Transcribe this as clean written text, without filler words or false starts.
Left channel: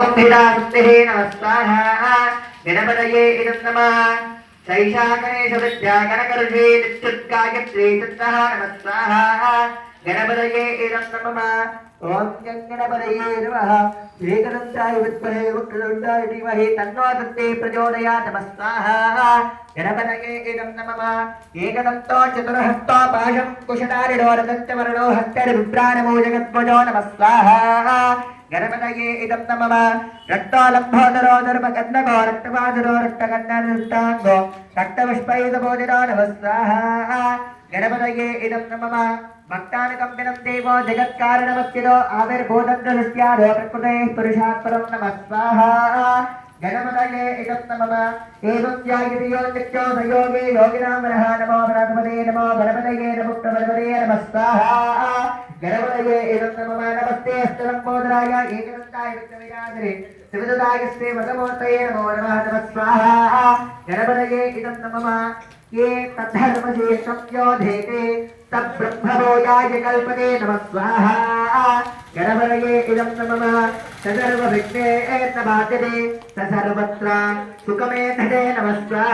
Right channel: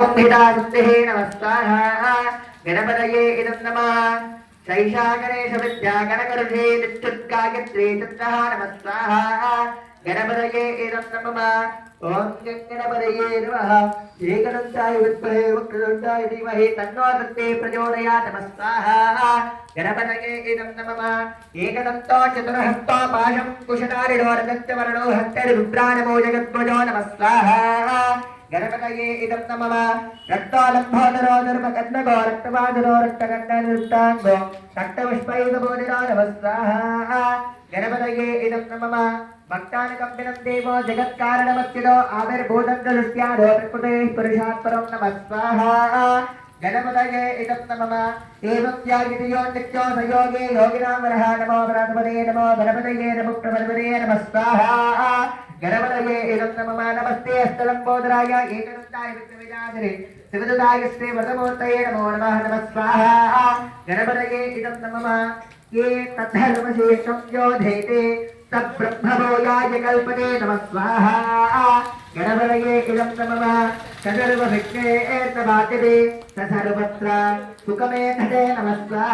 नमस्ताः गणपतये इदं नमः शैशागणेश विद्यागणकर्षे नित्युत्कायत्रे तत्तः नमस्ताः गणपतये इदं नमः ॐ गणपतये नमः श्रीगणेशाय विद्महे वक्रतुण्डाय धीमहि तन्नो दन्ते प्रचोदयात् नमस्ताः गणपतये इदं नमः एकदन्तो चतुर्हस्तो पाशं कुशधारिणो रजतवर्णो हस्तरुद्राणमो जगद्वजो नमस्ताः गणपतये इदं नमः रक्तालम्भोदरो धर्मकन्नगो रक्तवादरो रक्तकन्नरुष्टाङ्गो रक्तपुष्पैकबोधिरो नमस्ताः गणपतये इदं नमः भक्तानुकम्पिनं देवो जगत्कारणमच्युतो आविर्भूतन्द्रदृष्ट्यादो प्रकृतेः पुरुषात् परं नमस्ताः गणपतये इदं नमः एवं ध्यायितो नित्यो संयोगे योगिनां वरः नमो गणपतये नमो गणपतये नमो प्रभवते नमस्ताः गणपतये इदं नमः नमस्ते अस्तलम्बोदराय एकदन्ताय विद्मविदाधरे शिवदुदाय श्री वरदमूर्तये नमो नमः नमस्ताः गणपतये इदं नमः ये तद्धर्मशेषं योधेते तब्रह्मभोजाय कल्पते नमः स्वाहा गणपतये इदं नमः सर्वविघ्नेर्न बाध्यते सर्वत्र सुखमेधते नमः स्वाहा।